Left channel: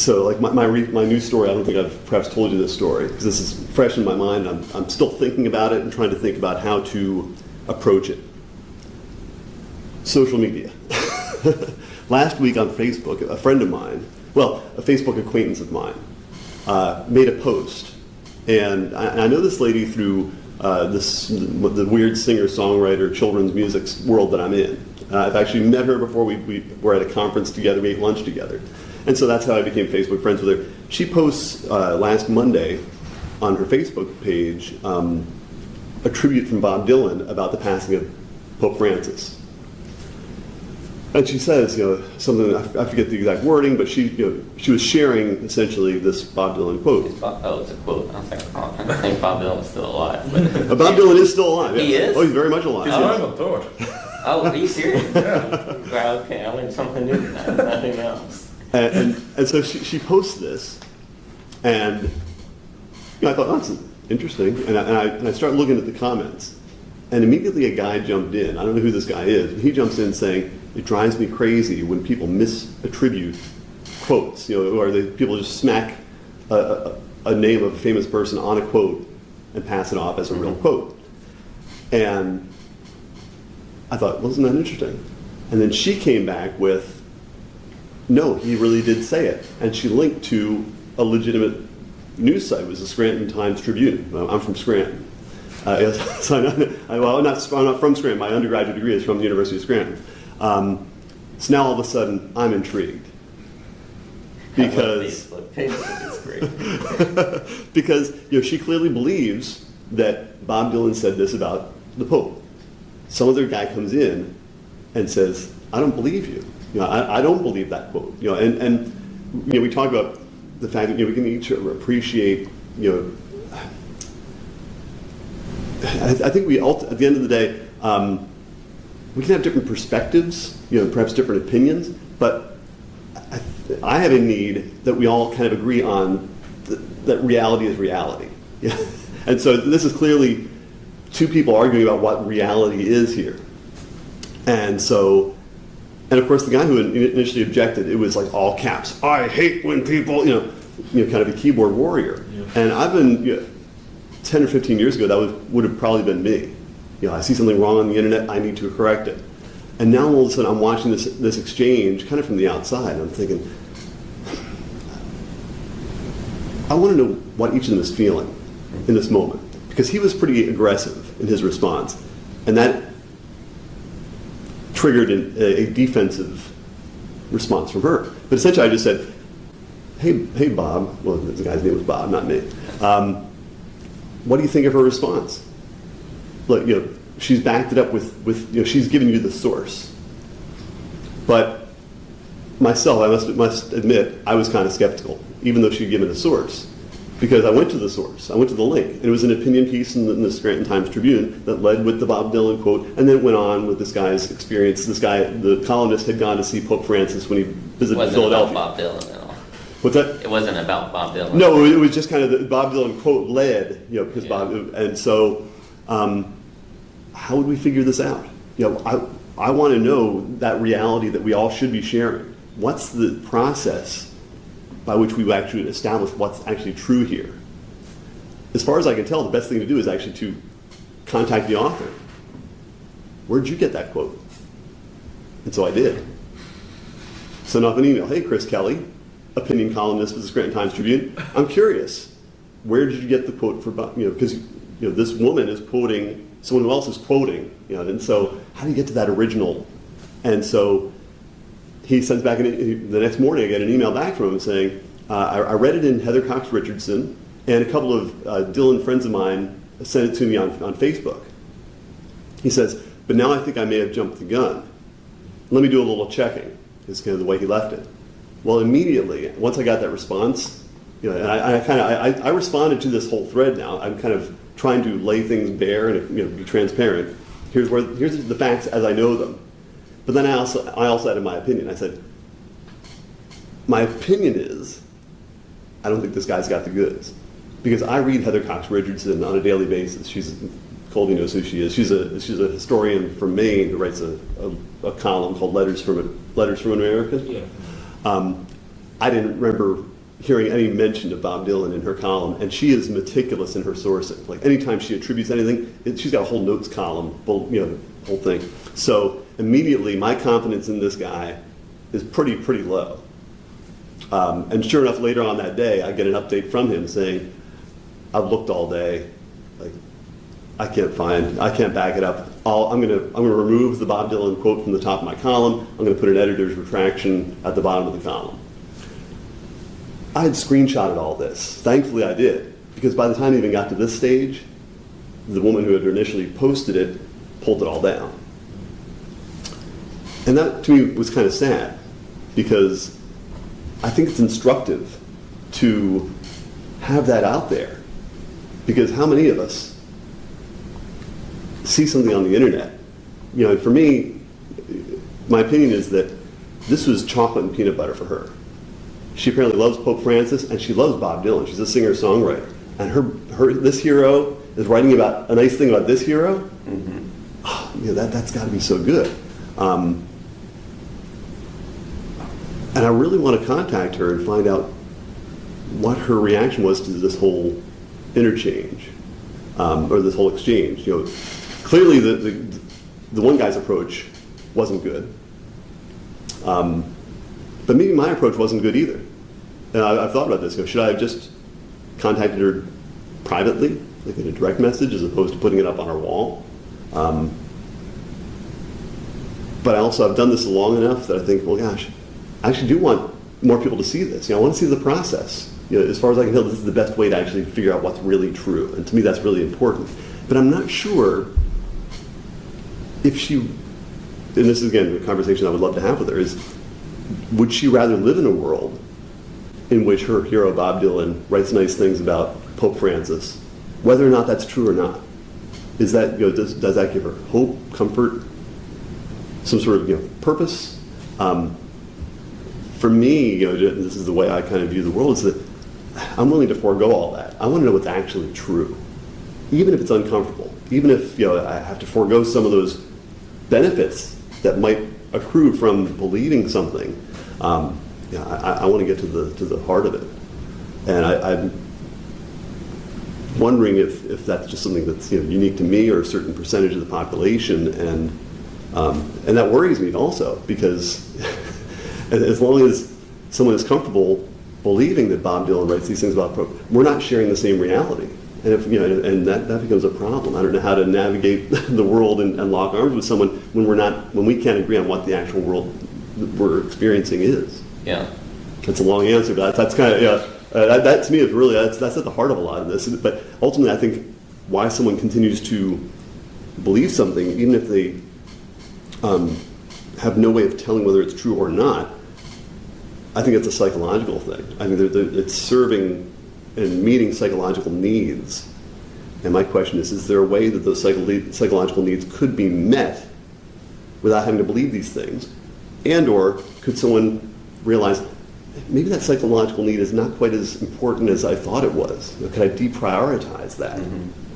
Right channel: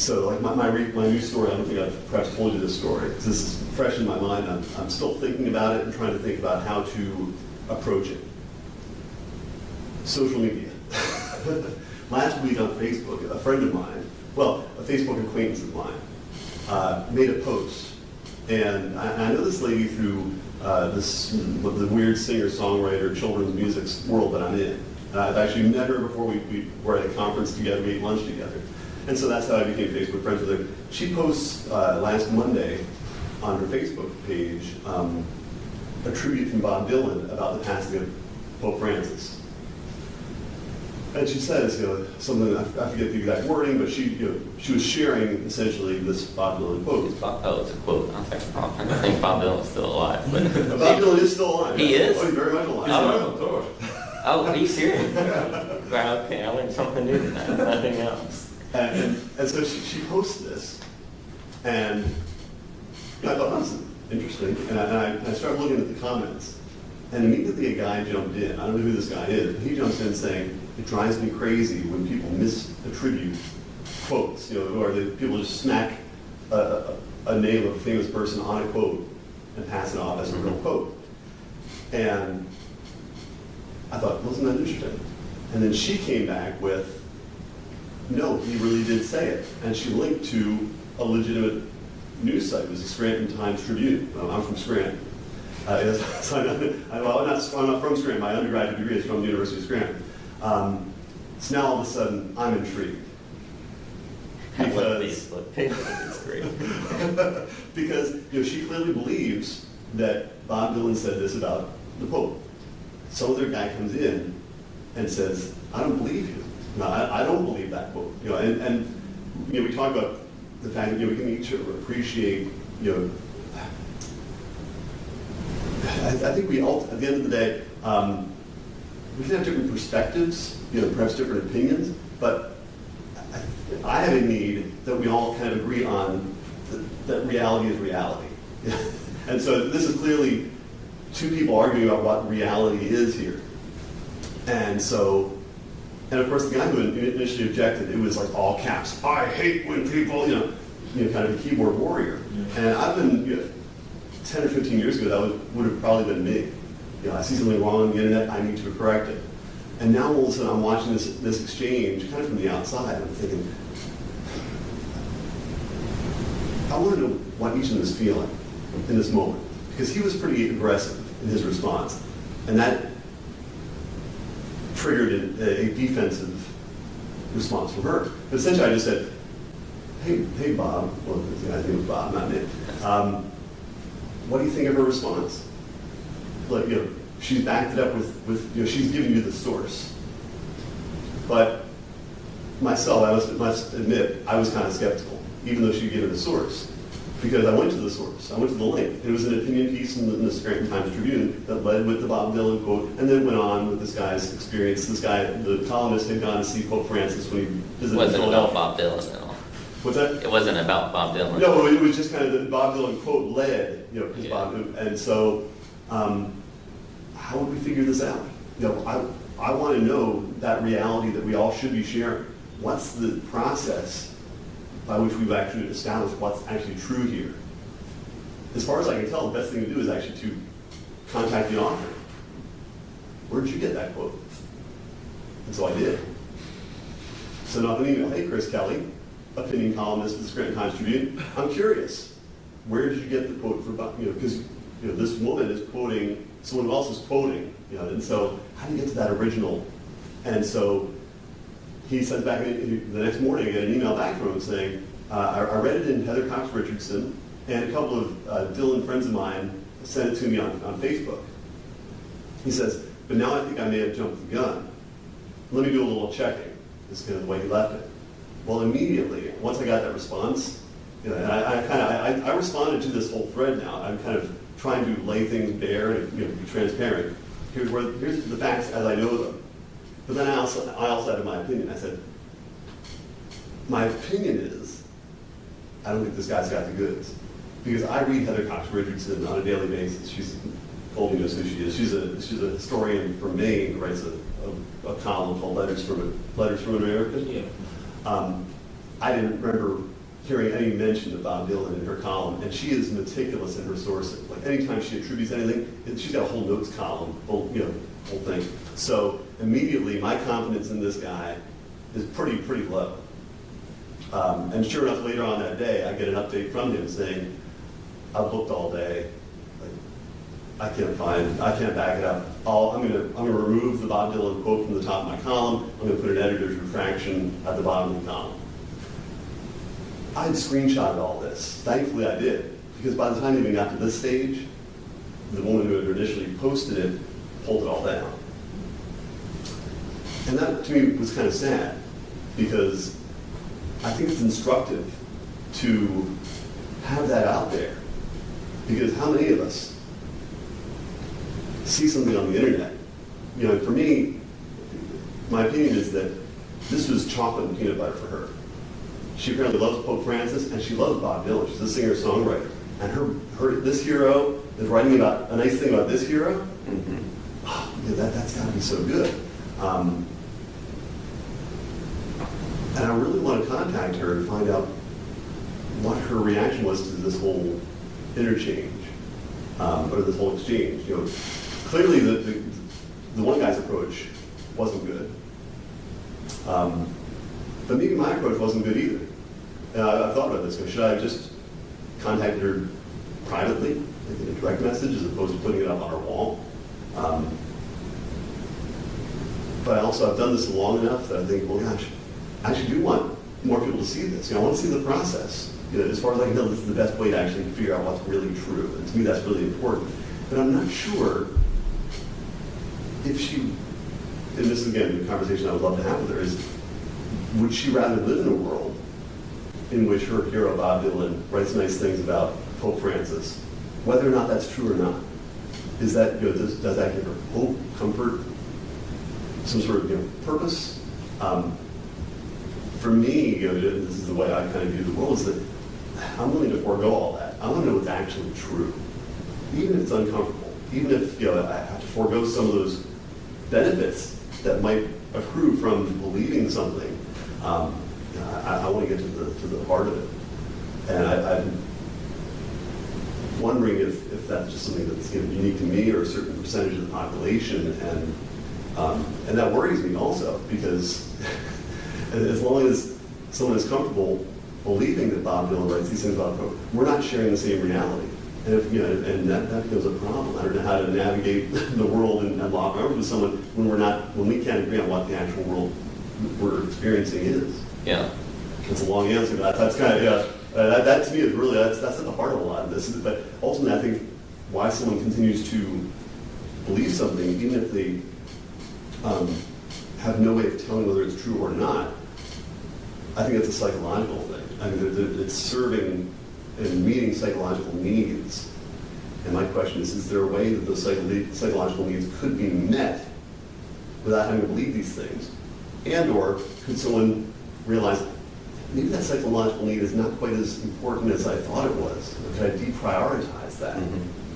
So like my news story, I don't think I've perhaps told you this story because this is fresh in my mind. I'm still thinking about it and trying to think about how to approach it. Social media. Last week on Facebook, a friend of mine, well, a Facebook acquaintance of mine, made a post. And I know this lady through the weird singer-songwriter children's music world that I'm in. I've actually met her before. We were at a conference together, we ate lunch together. And so that's how I became Facebook friends with her. She posts last Monday on her Facebook page a tribute from Bob Dylan about the passing of Pope Francis. And she says, something, I forget the exact wording, but she was sharing essentially this Bob Dylan quote. It's a quote. I was like, oh, I think Bob Dylan's still alive. But Bob Dylan is still alive. He is? Oh, he's very much alive. Oh, are you serious? Well, okay, I learned something new tonight. Nothing else. And so she posts this, and I thought, oh, that's interesting. And I started looking at the comments, and immediately a guy jumped in. I don't know who this guy is. He jumps in saying, it drives me crazy when people misattribute quotes, or people just smack a name of a famous person on a quote and pass it off as a real quote. And I thought, well, isn't that interesting? And then she came back with, no, he really did say it. And she linked to a legitimate news site. It was the Scranton Times-Tribune. I'm from Scranton. So I'm not from Scranton. My undergraduate degree is from the University of Scranton. So now all of a sudden, I'm intrigued. Because Facebook is great. because she clearly believes that Bob Dylan said this about the Pope. Some other guy comes in and says, I don't believe you. I don't believe that quote. And we talk about the fact that we can each appreciate. I think we at the end of the day, we can have different perspectives, perhaps different opinions, but I have a need that we all kind of agree on that reality is reality. And so this is clearly two people arguing about what reality is here. And of course the guy who initially objected, it was like all caps, I hate when people, kind of a keyboard warrior. Yeah. And I've been, 10 or 15 years ago, that would have probably been me. I see something wrong on the internet, I need to correct it. And now all of a sudden I'm watching this exchange kind of from the outside. I'm thinking, I want to know what each of them is feeling in this moment. Because he was pretty aggressive in his response. And that triggered a defensive response from her. But essentially I just said, hey Bob, well the guy's name was Bob, not me. What do you think of her response? Look, she's backed it up with she's giving you the source. But myself, I must admit, I was kind of skeptical, even though she'd given the source. Because I went to the source, I went to the link. And it was an opinion piece in the Scranton Times-Tribune that led with the Bob Dylan quote, and then went on with this guy's experience. This guy, the columnist, had gone to see Pope Francis when he visited Philadelphia. It wasn't about Bob Dylan at all. What's that? It wasn't about Bob Dylan. No, it was just kind of the Bob Dylan quote led, because Bob, and so how would we figure this out? I want to know that reality that we all should be sharing. What's the process by which we actually establish what's actually true here? As far as I can tell, the best thing to do is actually to contact the author. Where'd you get that quote? And so I did. Sent off an email. Hey, Chris Kelly, opinion columnist for the Scranton Times-Tribune. I'm curious, where did you get the quote for Bob? Because this woman is quoting someone else is quoting, and so how do you get to that original? And so he sends back, the next morning I get an email back from him saying, I read it in Heather Cox Richardson, and a couple of Dylan friends of mine sent it to me on Facebook. He says, but now I think I may have jumped the gun. Let me do a little checking. That's kind of the way he left it. Well, immediately, once I got that response, I responded to this whole thread now. I'm kind of trying to lay things bare and be transparent. Here's the facts as I know them. But then I also added my opinion. I said, my opinion is, I don't think this guy's got the goods. Because I read Heather Cox Richardson on a daily basis. Colby knows who she is. She's a historian from Maine who writes a column called Letters from America. Yeah. I didn't remember hearing any mention of Bob Dylan in her column, and she is meticulous in her sourcing. Like anytime she attributes anything, she's got a whole notes column, whole thing. So immediately, my confidence in this guy is pretty low. And sure enough, later on that day, I get an update from him saying, "I've looked all day, like I can't back it up. I'm gonna remove the Bob Dylan quote from the top of my column. I'm gonna put an editor's retraction at the bottom of the column." I had screenshotted all this. Thankfully, I did, because by the time it even got to this stage, the woman who had initially posted it pulled it all down. And that, to me, was kind of sad, because I think it's instructive to have that out there. Because how many of us see something on the internet? For me, my opinion is that this was chocolate and peanut butter for her. She apparently loves Pope Francis, and she loves Bob Dylan. She's a singer-songwriter. And this hero is writing about a nice thing about this hero. Mm-hmm. Oh, that's got to be so good. And I really want to contact her and find out what her reaction was to this whole interchange, or this whole exchange. Clearly the one guy's approach wasn't good. But maybe my approach wasn't good either. And I've thought about this. Should I have just contacted her privately, like in a direct message, as opposed to putting it up on her wall? But I also have done this long enough that I think, well, gosh, I actually do want more people to see this. I want to see the process. As far as I can tell, this is the best way to actually figure out what's really true. And to me, that's really important. But I'm not sure if she, and this is, again, the conversation I would love to have with her, is would she rather live in a world in which her hero, Bob Dylan, writes nice things about Pope Francis, whether or not that's true or not? Is that, does that give her hope, comfort, some sort of, purpose? For me, this is the way I kind of view the world, is that I'm willing to forego all that. I want to know what's actually true, even if it's uncomfortable, even if, I have to forego some of those benefits that might accrue from believing something. I want to get to the heart of it, and I'm wondering if that's just something that's unique to me or a certain percentage of the population, and that worries me also, because as long as someone is comfortable believing that Bob Dylan writes these things about we're not sharing the same reality, and if and that becomes a problem. I don't know how to navigate the world and lock arms with someone when we can't agree on what the actual world we're experiencing is. Yeah. It's a long answer, but that's kind of, that to me is really, that's at the heart of a lot of this. But ultimately, I think why someone continues to believe something, even if they have no way of telling whether it's true or not, I think it's a psychological thing. I mean, it's serving and meeting psychological needs. And my question is there a way that those psychological needs could be met without having to believe these things? And or could someone realize maybe that psychological need is not quite as important as I thought it was? Could I deprioritize that? Mm-hmm.